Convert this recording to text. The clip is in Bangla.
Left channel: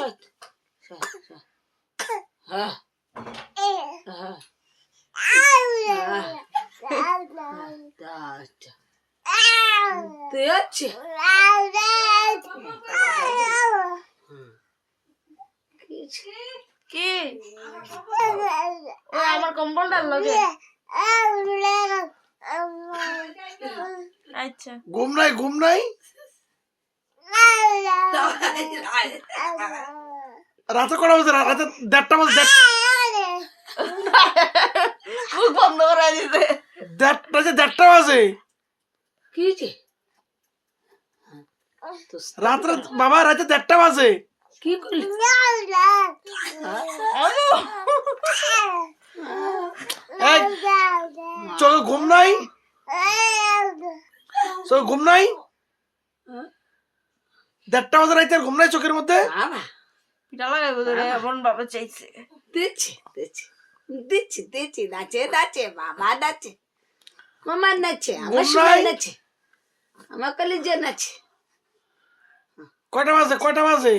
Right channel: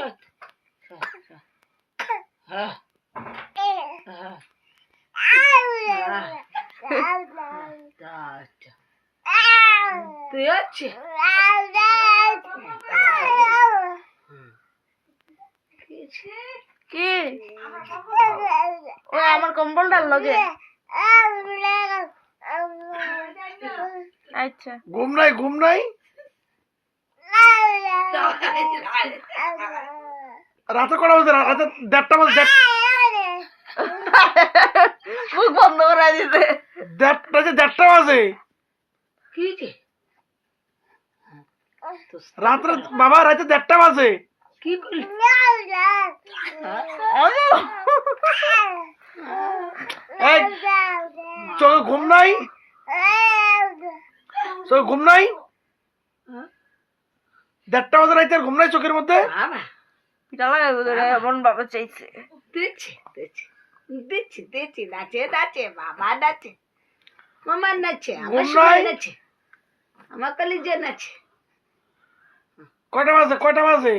শোয় হ্যাঁ হ্যাঁ দেখছে কি ও আমার কম্বলটার লগে আচ্ছা ঘুম নাই রাতে কটা বাজে? রাতে 1:30টা বাজে। মুখ বন্ধ করে দিতে 1:30টা বাজে কি যে রাত্রে বাবা, রাতে 1:30টা বাজে। কি করলি এই চোখে ঘুম নাই? চোখে ঘুম নাই? 1:30টা বাজে রাতে আর ঘুম নাই চোখের মধ্যে? বাবা পিঠা লাগাইবো তোরে এমন বাবা চাইছে দিচ্ছি দিচ্ছি দিচ্ছি দিচ্ছি নাচে নাচে বাবা নাচে মামা নাচে আমার ঘুম সবাই নাই? নাচে আমার কলিজা নাচে কয়টা বাজে?